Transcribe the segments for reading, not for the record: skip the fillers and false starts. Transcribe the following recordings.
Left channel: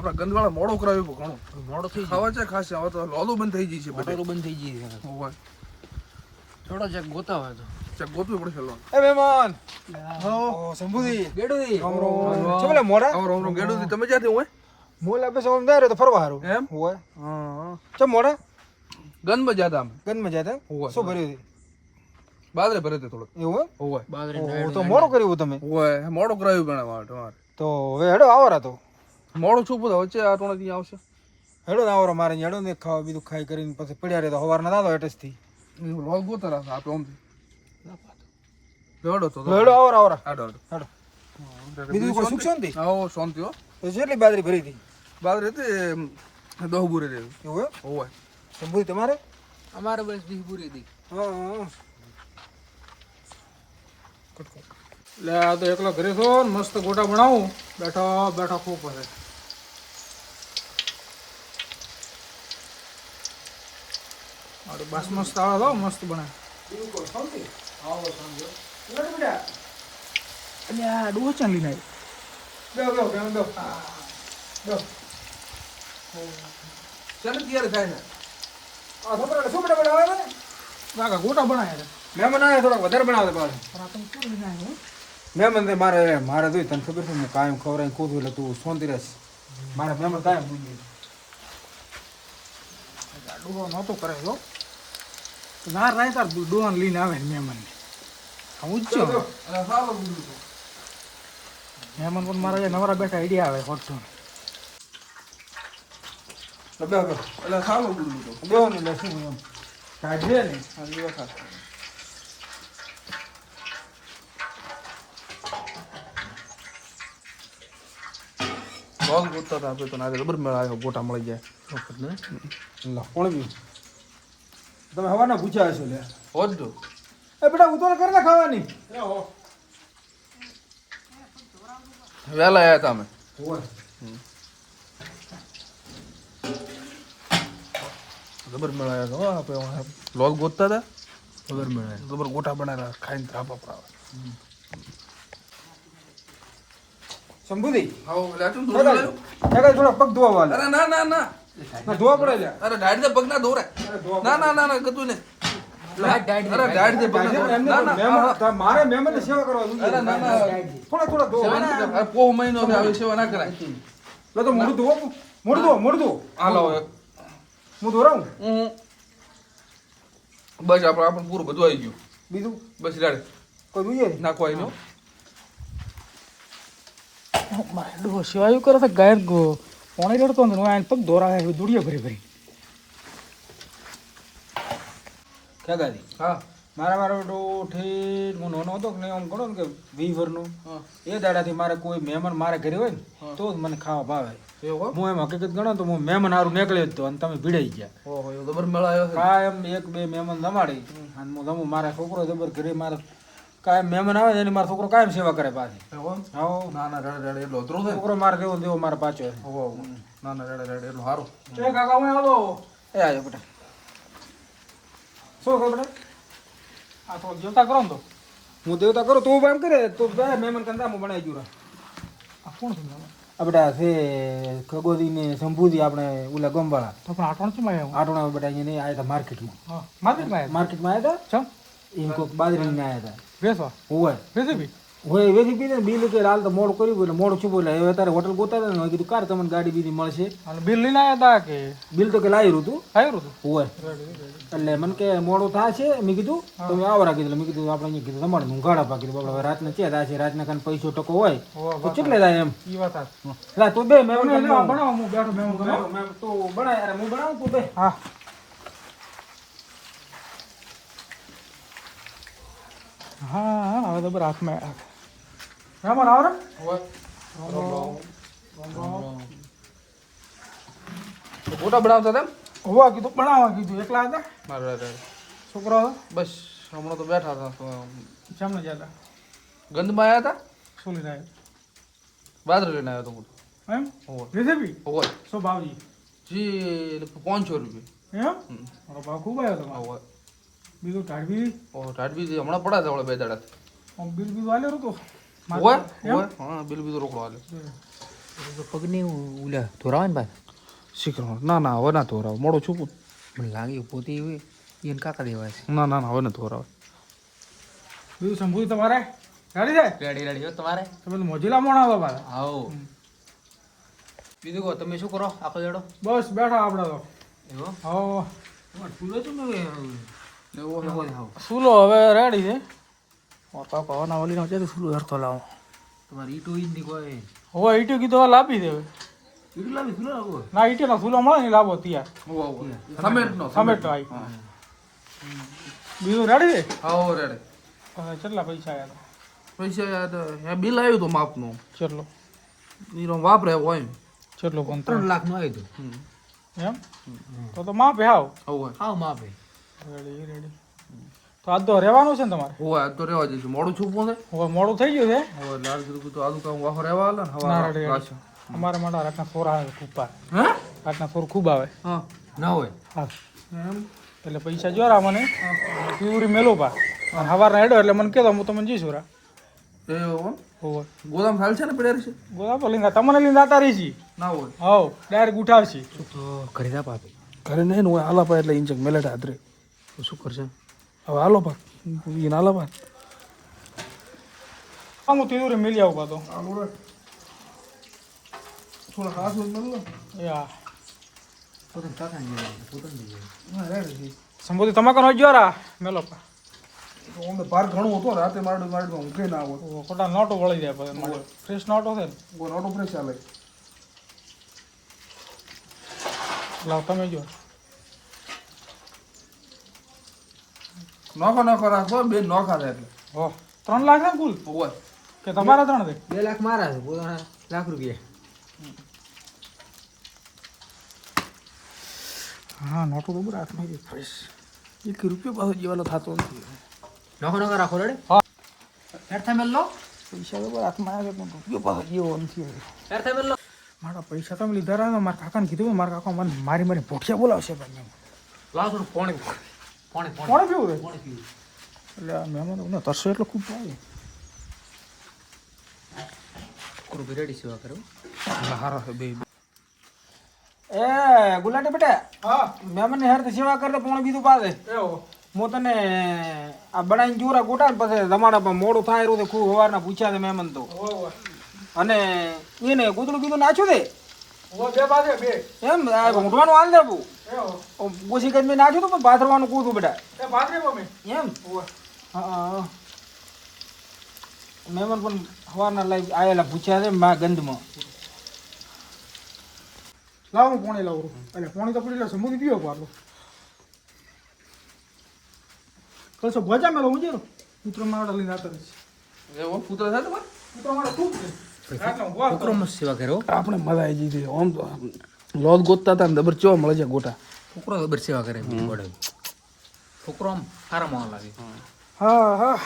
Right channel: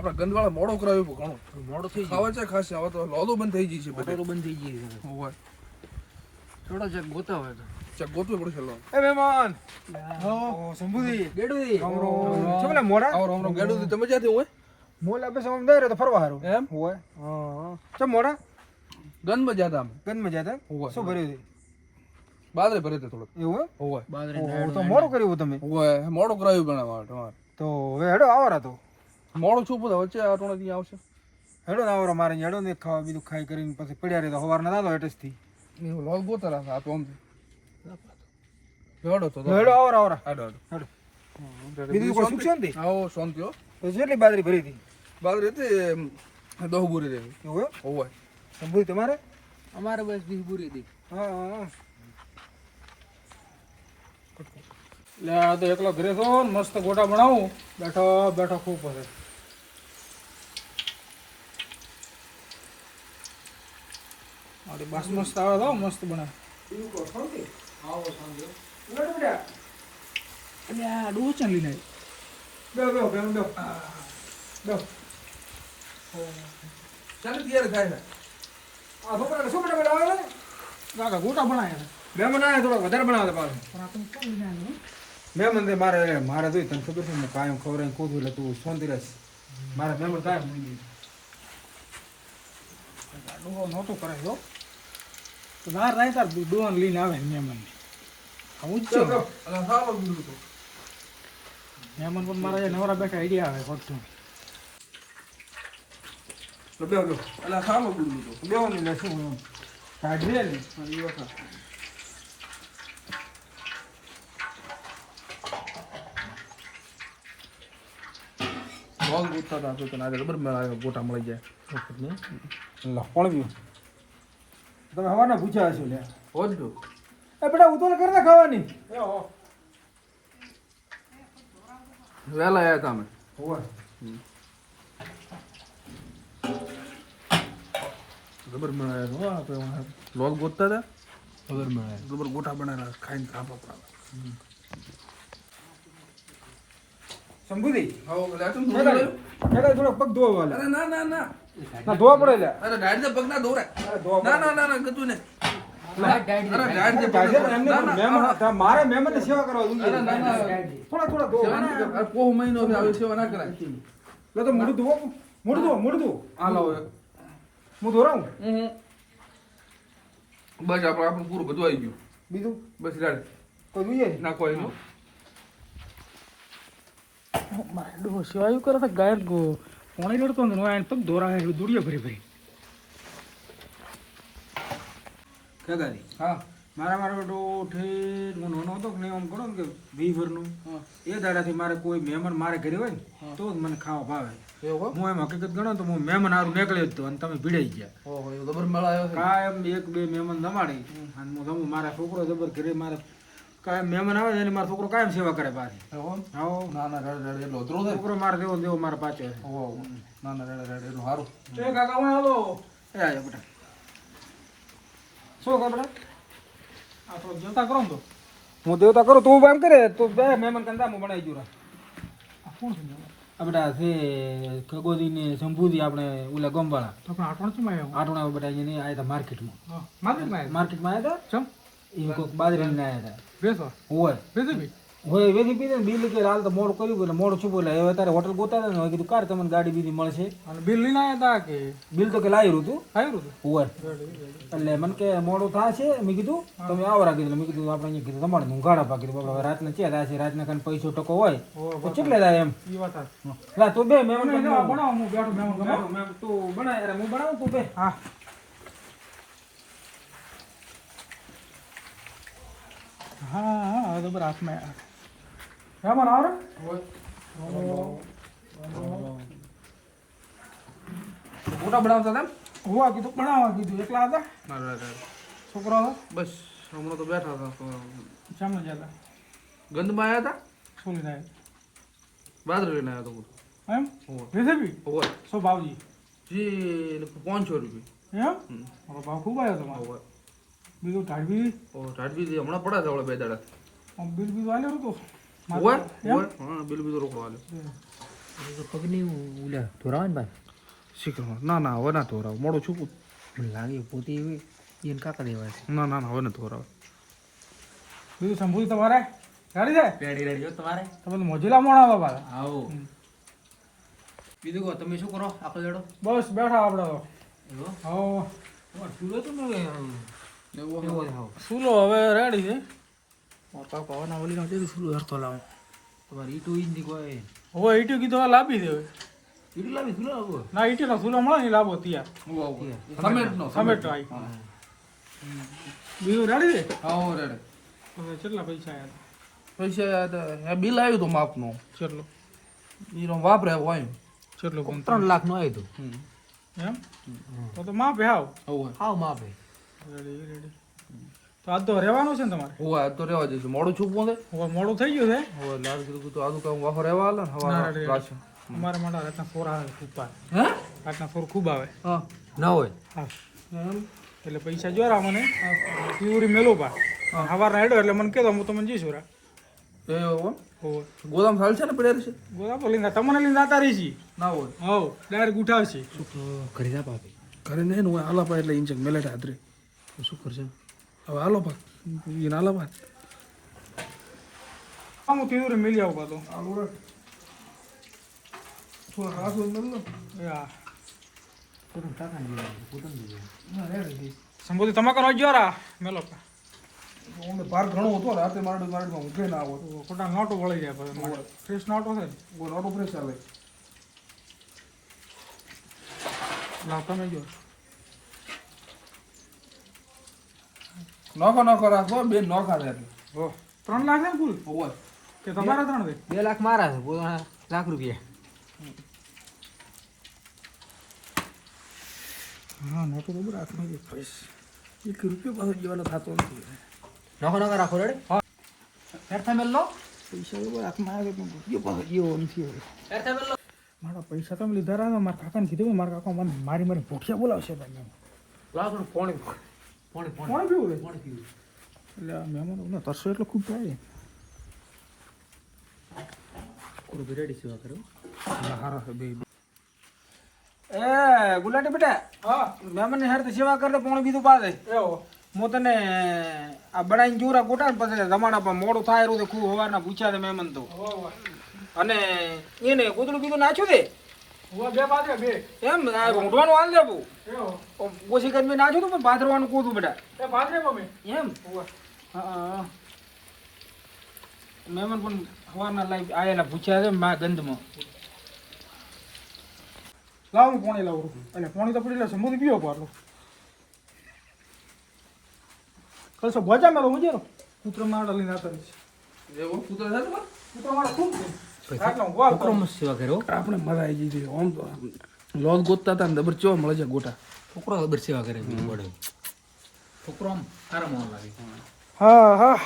આપણા ગંદવાળા મોડો કરાવ્યું પણ ઘણું મોડો થઈ ખાવા છે ખાસ હવે તો લોલો બંધ થઈ ગઈ છે બધે ગયો બંધ થઈ ગઈ છે હોય થોડો ચેક ગોતા હોય તો ચેક ગોતવી પડે છે લોન એ મહેમાન હો સંભુદી ગેડુદી ચલે મોરા આવો ગેડું તમે ક્યાંથી હોય મોલા બસ આમ જાય તો ફરવા હારું એમ હોય હા ચમ મોરા ગંદમાં જ્યાદા અમે ગનમાં જતા હોય શું ભર્યું બાદરે ભરે તે થોડોક એવું હોય બાદરી હે તો મોડું કર્યું તમે હોય મોડો કરાવ્યું ઘણા તમારે તો હવે હેડો આવરા તો મોડું છું બધા વચ્ચે આ ટોણા ક્યાં આવશે હેડો ને આવરો મારે હેડો ને ખાવા બીજું ખાઈ કરીને પછી પડ્યા રહે તો સવારના દાદો એટસથી લોલ ગોતા રાખે આપણે આમ દોડો તો હેડો આવરો આવરા આડો હેડો બીજું કોઈ સુખ શાંતિ આવો શાંતિ હો તો જેટલી બાજરી ભરી હતી બાદરે તે દહ બુરી રહેલું એવું હોય સંભુદી તમારે અમારે બસ બી પૂરી દી હા લે આ તો એકલો ઘરે છો ને મસ્ત ગોટા બનાવું બેઠો બેઠો ખૂબ પછી મારી બાસ મસ્ત આવે તો મસ્ત બને ડોહ ચાલ લઈને ચાલો તૈયાર થાય છે આ છોકરાને શું બનાવે કાકા ગોટા બનાવે મહેમાન આવે થોડાક વધારે બનાવે પાછું મહેમાન મારે જોઈ તને ખબર છે ને કાયમ ખવડાવીને કૂદું એટલે તું શાંતિ રહેશ મારે મહેમાન કાયમ મૂકી ડોહો નહોતો કરે તો બહાર નહીં તાર ડોહાને લઈને આવે ને મહેમાનને ઊંચો અને સારો ગુરુ તો મહેમાન પણ મારા નવરા બેઠા આઈડિયા આવે ખોટું એટલે સારો ગુરુ તો બેવાનું એટલે શું એમ કાઢીએ ને લોલ ગોતતા હતા તો તને આગળ જબર મેળા ગોટા મળી જાય કોણ બી તમે હવાના પૂછ્યા હશો લે હોજો એ બેટા ઉતોલ કરે ને ખાવાની વહેલા આવ્યા હતા અમે જબર મેળા હો આપણે લોલ ગોતતા હતા જબર મેળા જબર ગોટા બનાવ્યા ખાઈને ત્રાપા પડાવે શંભુદી આવો લાટું થોડા પગ ધોવા વાલે અરે ના ના ના ધોવા પડે લે અરે ગાડી દે પગ ના દોરે ના ના ના ના ગતું ને અરે ગાડી દે પગ મારે મહેમાન ની સેવા કરવા જોઈએ થોડા ધોવા પોહ મહિનો ને આવી સેવા ના કરાય લે તો મોઢું ધો હાલો હું ધોરાવું બસ આપણે પૂરું બધું આવી ગયું બીજું બસ ગાડી કોઈ જોઈએ નાખવા એનો ડોહો સેવાયું કરે તો ગાય પાણી લડતો ને આને પગ ધોરા દોડીએ ભરી ભરી ક્યાં ગાડી હા મારો ઠીક હું નાનો હતો ને આમ ગણો ને કે 20 વર્ષનો એ દાડાથી મારે કોઈ મહેમાન મારે ઘરે હોય ને તો જ મને ખાવા ભાવે એવું હું એમ હકીકત ગણો તો હું મહેમાન હારું નીકળ્યો જ તો અને તમે ભીડાઈ ગયા ઓહો એ જબર મેળા આવ્યો છે કાયમ એક બે મહેમાન જમાડી અને હું જમું મારા છોકરો જબર ઘરે મારે કાયમ મહેમાન આવે ને એની મારો છોકરો કાયમ સેવા કરે પાછી એવું હા ના ના રેડે રેડે એટલો અધરો થાય છોકરો મારે દેવો મારે પાછો ઓહો ના ના રેડે રેડે એટલું સારું કાકા હું આવો એ આવ્યો બેટા શું કરો બેટા આ તો દેવતા કરો ને તો હું દેવતા કરું તું એમ કરે તો બે મહેમાન કંદા હું બનાવી જુરા આ કોણ છે આપડા છે ખગોદી ને શંભુજી આપણે ઓલા ગોમવાળા તો પણ આટણ શું આવ્યા આટણા બેટા એને આયા હતા માર્કેટમાં માર્કેટમાં આવ્યા હતા એમ કોઈક બાજરી ને આવ્યા હતા બેસો હોય વેચી પીધે ને બિલ કે હાલ તો મોડું કર્યું એટલે મોડું છું બોલે હવે તારે હોટલ ગોતા ને કીધું કાર તમને ગાડી બીજી મળશે બિલ લઈને આવ્યા હતા કે બિલ તો કે લાવ્યું હતું હોય એટલે મને કે મોડું થાય છે મેં કીધું તમે આવરા કીધું મેં કીધું આપણે અહીંયા કીધું તમારે હું ગાડા પાકી દીધું આપણે રાતના ચે થાય છે રાતના કાન પૈસો ટકો હોય તો કેટલે થાય એમ એટલે તું બે મહેમાન બનાવો હું બેઠો મહેમાન તું બનાય અરે હું બનાવું તું બે હા હા હવે તો બરાબર હાથમાં મહેમાન આવો ને ગોટા બનાવતા હતા હોવા કીધું બનાવવા કીધું એકલા હતા છોકરા હતા બસ હમણાં તો બેઠા હતા સામને જતા ગંદમાં આવ્યા હતા શું લીધા બાજરી લઈને આવ્યો હતો એમ હોય રેસીપી હોય શું ભાવજી જી 500 રૂપિયા એમ મારો ભાવ ખૂબ આવ્યો તમારો હોય બીજું ટાઢવી ઓ ટાટવી હમણાં પડ્યા હતા બે દાડા બિલ બીજું આલ્યો હતો હોય હા બિલ બીજું રોકડો હાલે પગની ઉલ્યા ધોરાવા ને ભાઈ શીખરો ના હવે ના ધોરાવ મોડું છૂપું મને લાગે પોતે એને કાકા દેવાય છે ના હવે ના ધોરાવ બીજું શંભુ તમારે ગાડી છે રેડી રેડી જો તમારે તમે તો મોજીલા મોણા આવો પાછા આવો બીજું કહો તમે શું કરો આખો જેડો બસ બેઠા આપણે તો એવો હો ચૂલો તો મેં સુલો હવે રેડી છે મોટા પવન ઓલીનો છે સુલો હરતો લાવો તમારે ઈટો ઈની કોઈ હવે ઈટું કીધું હવે લાવી દે ઈટું લાવી ચૂલો લાવો ના ઈટીનો સુલો મળે ને લાવો તૈયાર સમેટ આવી બીજું રેડી છે આવો રેડે કેટલા પૈસા આવ્યા પૈસા બિલ આવ્યું તો માપનું કેટલો ઈનો વાપરે હોય કેટલો પણ 3 લાખ નું આવ્યું એમ તો માપે હાવ હોય હાવ માપે રેડી રેડી તો આજ તો રહેવાનું છે ને તમારે હોય આજ તો રહેવા જઈશું મોડું છૂપવું છે હવે મોડું થઈ ગયું છે હવે લાલ ગુરુ તો આજુ કામ વાહો રહેવા આલે ને હવા રેડી. રાશન અમારા માટે રાતના સોર આવે ખૂબ આવે હે રાતના સોર ખૂબ આવે હા ન હોય હા એમ એટલે પૈસા જોરા મને પ્યુરી મેલો પા સવાર ના હેડો એટલે મને કહેતો હું તમને જઈશું રા એ હોવે ગોદામ સાલ છે ને પડ્યા છે ગોદાપો લીંગા તમને લઈને આતા રહી છી ના હોય હાવ ડાયરેક્ટ ઉઠાવશી તો ઘરે જા પાપી ઘરે નહીં ને હોય હાલા પા એટલે ઇંચક મેલેટ હાથરે તો શું કરશે હવે હાલો પા એને હાલા પા હા હું તીવરે મિલી આવું પાતો હાલો રે થોડા ખાસ હોય મેલ લો યા પોતાને કાકા ને પોતાને ના રે સંબોધી તમાકર હોય જોરા મેલો પા અમને પાર ઘણું હતો રાતે મારડમાં ઊંઘે ના આવે ખોટા નોટો વળી જાય પછી ફ્રેશ નોટો છે ને કોઈ ઓટો પ્રેસ ચાલે લાવ તમે જો નોખો રાખો બે નોખા થાય એટલે હો 3 લાખ છે ને કુલ હોય કે તમારા 3 છે 2 લાખ મારા છે પોતાના લાખ રૂપિયા હા નોટો તો બરાબર હાથમાં ફ્રેશ 1 રૂપિયો પાછો જીવાનો થતો નથી નોખો રાખો રેડી હા હેરથા મેલ લો પૈસા તો બરાબર હાથમાં આવે પણ રૂપિયો પાછો જીવો નથી હવે હેરથા મેલ લો મારા પૈસા તમે લીધા રહ્યા મારા કાકાને કીધું મારા કાકા મને મારી ભોઠિયા બોલાવશે તમે લાવ પોણી પોણી કોણે પીવું છે પોણી પીવું એટલે આ મહેમાનો તરસો એટલો ખૂબ થાય કુરુ રેડી સેવા કરો હારા છે બે એ ગુલાટી બેટા હા મહેમાન હેર તો સેવા કરતો પણ બીજું પાછે એવો હું તને આ બનાવીને જોરા ગોટા પછી તમારા પર મોડું થાય રહ્યું ખૂબ સવારના પૂછ્યા છે મહેમાન તો અને એને ગોતડું બીજું નાખ્યું છે એમ આ ઊંઘવાનું હાલ દે બહુ ઓછી કરી મેં નાખ્યું હતું પણ પાથરવાનું કૂતું બેટા એમ હા મહેમાન પણ સવારના લાઈ આયેલા પૂછ્યા છે મા ગંજમાં લાવ હું પાણી લાવું એટલે પાણી તો પડી લે સમુદ્ર પીવો પારલો તો શું ભજા મેલો મજેરો પુત્ર માવડા લઈને આવતા રહીશ એવો પુત્ર થાય તમારે પુત્ર મારો ખૂબ છે છોકરો મસ્ત સેવા કરો આપણે મજા આવી ગઈ છે આમ તો લોટ ગોતતા હતા ને દબર ચો મળે છે ગોટા છોકરો ખબર સેવા કરે બીજું પડે છોકરો આમ સારા માણ લાગે હા હા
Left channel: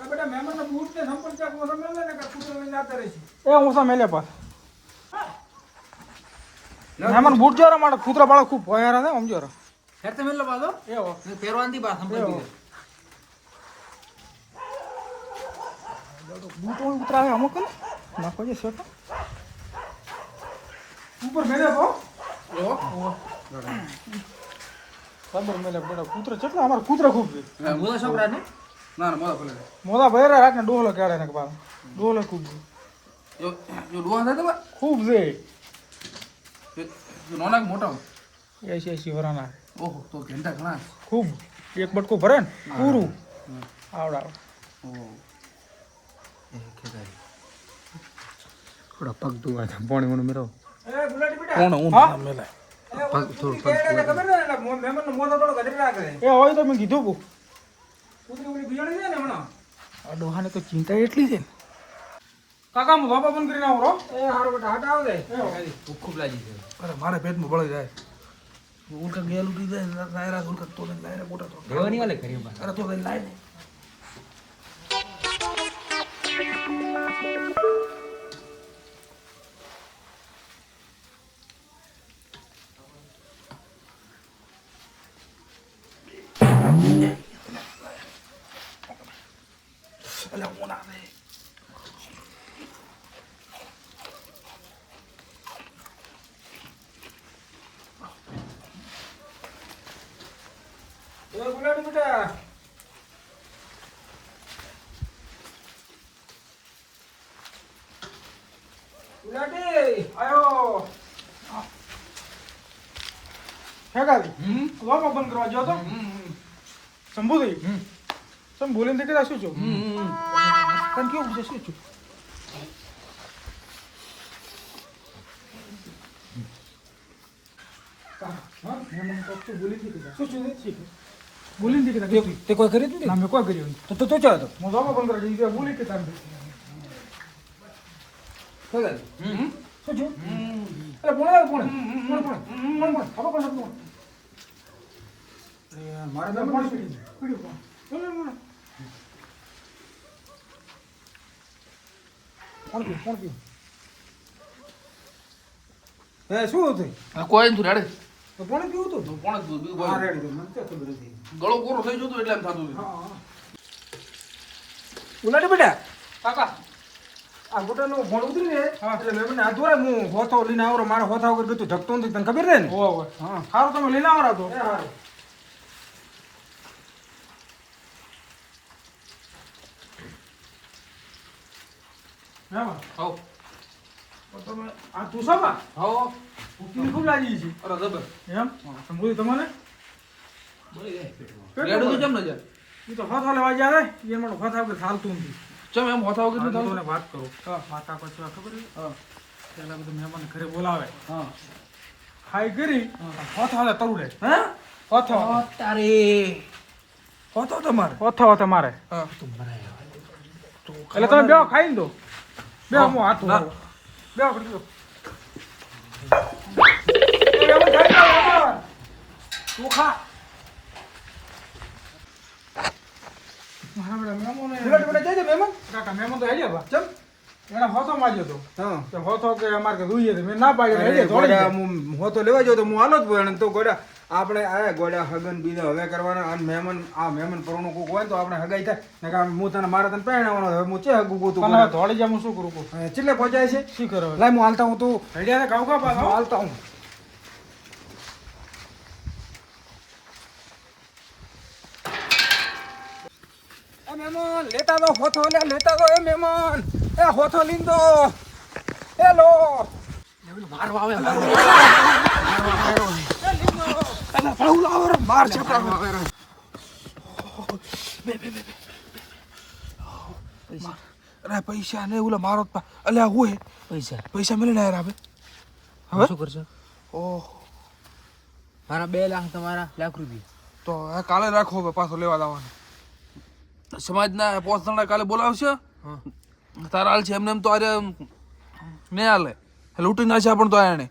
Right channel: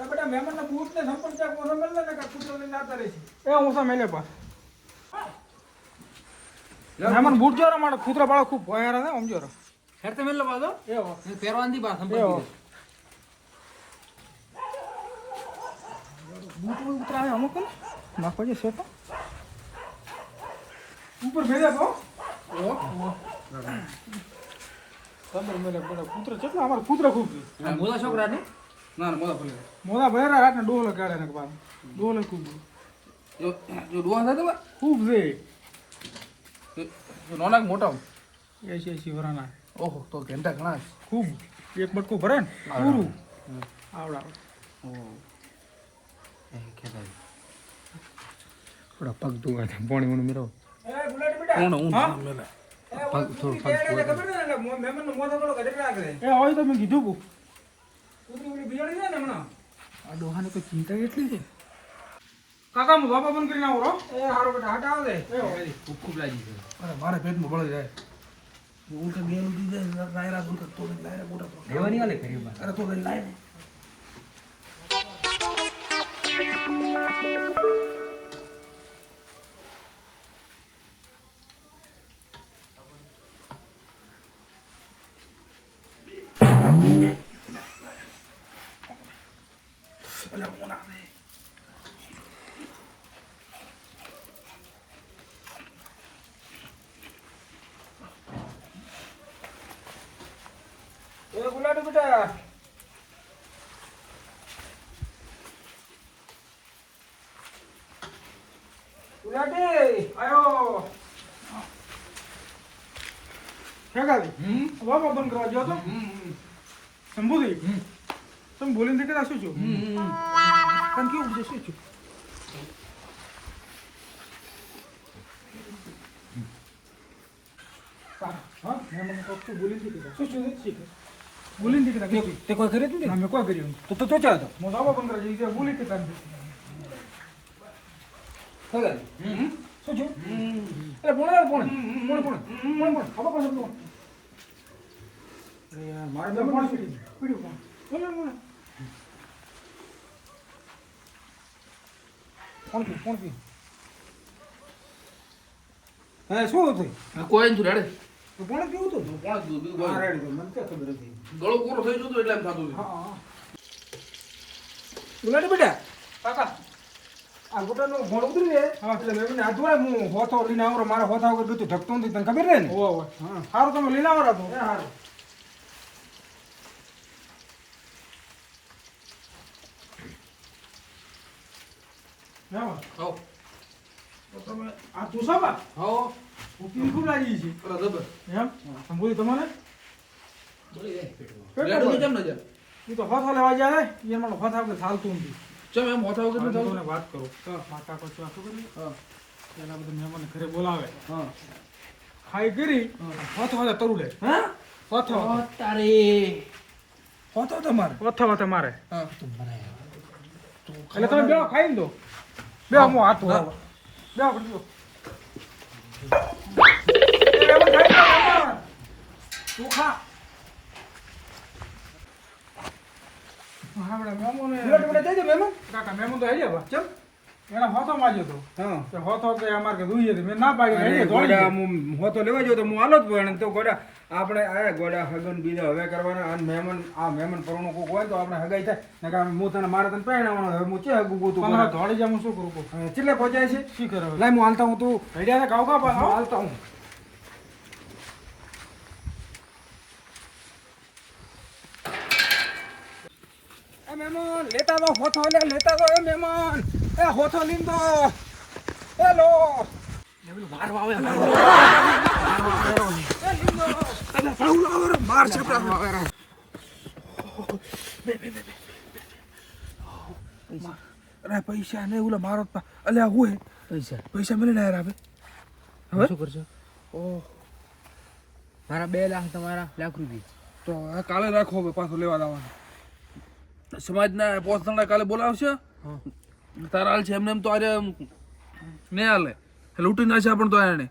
બેટા મહેમાનના બૂટ ને સંપર્ક ચા કોનો મેલે ને કે પુત્ર લઈને આવતા રહીશ એ હું સા મેલે પાસ મહેમાન બૂટ જોરા મારો પુત્ર બાળો ખૂબ ભયારા છે સમજો રે હેરથા મેલ લો બાદો એવો પહેરવાની બા સંપર્ક બૂટ ઉતરાવે અમુક ને નાખો છે શેટ ઉપર મેલે તો એવો ખબર મેલે બેટા પુત્ર કેટલા અમાર પુત્ર ખૂબ છે મોદા છોકરા ને ના ના મોડા ભલે મોદા ભૈરા રાતને ડોહલો કાઢે ને બાર ડોહલો ખૂબ જો જો ડુઆ થાય તમારે ખૂબ છે જો નાના કે મોટા 80 વરાના ઓહો તો ઘંટા ઘણા છે ખૂબ એક બટકો ભરે ને પૂરું આવડા ઓહો થોડા પગ ધોવા પાણી વણ મેરો એ ગુલાટી બેટા કોણ હું હા? મેલે પગ થોડું પગ ખબર ને મહેમાનનો મોઢો થોડો ગધરી રાખે એ હોય તો મેં કીધું કુ પુત્રી ઓલી બિયાણી છે ને હમણાં આ ડોહાને તો ચિંતા એટલી છે કાકા હું બાપા બંધ કરીને આવો રો એ હારો બેટા હાટ આવો દે ખૂબ ખૂબ લાગી છે અરે મારે પેટમાં બળી જાય ઉલકા ગેલ ઉઠી જાય લાયરા ઉલકા તો લાયરા મોટા તો દેવાની વાલે કરી બા અરે તો લાય બેટા ઉલાટી આયો હેગાલી વામો બંધ કરવા જો તો સંબોધી સમ બોલીને કે શું છું પણ કેવું છે શું છું હા મને તો બોલી દીધી શું છું શીખ બોલી દીધી તે કોઈ કરી દીધી અમે કોઈ કર્યું તો તો ચાલ તો મો વામો બંધ કરવા દીધી બોલી કે તારે હેગાલી શું છું અરે પોણે ખબર કોણ હતું અરે મારે તો કોણ પીડ્યું કોણ હે શું હતું કોઈ નથી રેડે તો કોણ કેવું હતું કોણ હતું હા રેડી તો મને તો ખબર હતી ગળો કોરો થઈ જતો એટલે એમ થતું હતું હા ઉલાડી બેટા કાકા આ ગોટાનો ઘોડ ઉતરી ને એટલે મેં મને આધુરા હું હોથો લઈને આવરો મારા હોથા વગર ગતું ધકતો નથી તને ખબર છે ને ઓહો હા સારું તમે લઈને આવરા તો સારું હા હાઉ તમે આ તું સાબા હાઉ ઉકલી ખૂબ લાગી છે અરે જબર એમ સંભોળી તમારે બોલી રે રેડે તો કેમ ન જાય એ તો હોથો લેવા ગયા ને એ મને હોથા વગર ચાલતું નથી ચમ એમ હોતા વગર હું નથી તમને વાત કરું માતા પછી ખબર છે હા પેલા બધા મહેમાન ઘરે બોલાવે હા ખાઈ કરી હોથો હાલે તરું લે હા હોથો તારે હોથો તમારે તમારે હા એટલે તમે બેવ ખાઈ ને દો બેવ હું હાથું ના. બેવ કરી દો તું ખા કાકા મહેમાન તો હેડ્યા બા ચમ એના હોતો માર્યો તો તે હોતો કે અમારે કે જોઈએ મેં ના પાડ્યો હેડ્યા દોડી ગયા. હોતો લેવા જો તો હું હાલો જ પણ તો ગોડા આપણે આ ગોડા હગન બીજા હવે કરવાના અને મહેમાન પરણું કોક હોય ને તો આપણે હગાઈ થાય ને કે હું તને મારે તને પહેણાવવાનો હવે હું ચે હગું ગોતું તમારે દોડી જા હું શું કરું કહું ચેટલે પહોંચાય છે શું કરો લાય હું હાલતા હું તું હેડ્યા ને ખાવ ખા હું પાછો હાલતા હું મહેમાન લેતા દો હોથો લેતા દો એ મહેમાન એ હોથો લીંદો એ લો મારવા આવે માર છોકરા અરે પૈસા ને ઓલા મારો અલ્યા હોય પૈસા મળીને આયા હવે હવે શું કરશો ઓહ મારા 2 લાખ તમારા લાખ રૂપિયા તો આ કાલે રાખો હવે પાછો લેવા લાવવાનો સમાજના પોસ્ટના કાલે બોલાવશે તારા હાલ છે એમને એમ તો અરે નહીં હાલે લૂંટી નાખ્યા પણ તો આને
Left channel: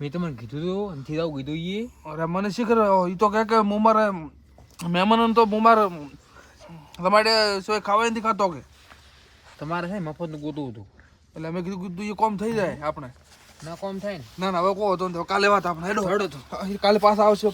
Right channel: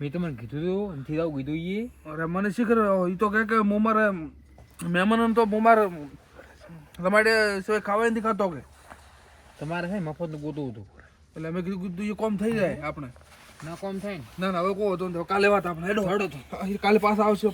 મેં તમને કીધું તો નથી આવું કીધું એ અરે મને શી કરે એ તો કહે કે હું મારે મહેમાનોને તો હું મારે તમારે શું ખાવા નથી ખાતો કે તમારે છે મફતનું ગોતું હતું એટલે અમે કીધું એ કોમ થઈ જાય આપણે ના કોમ થાય ને ના હવે કહો તો કાલે વાત આપણે હેડો કાલે પાછા આવશે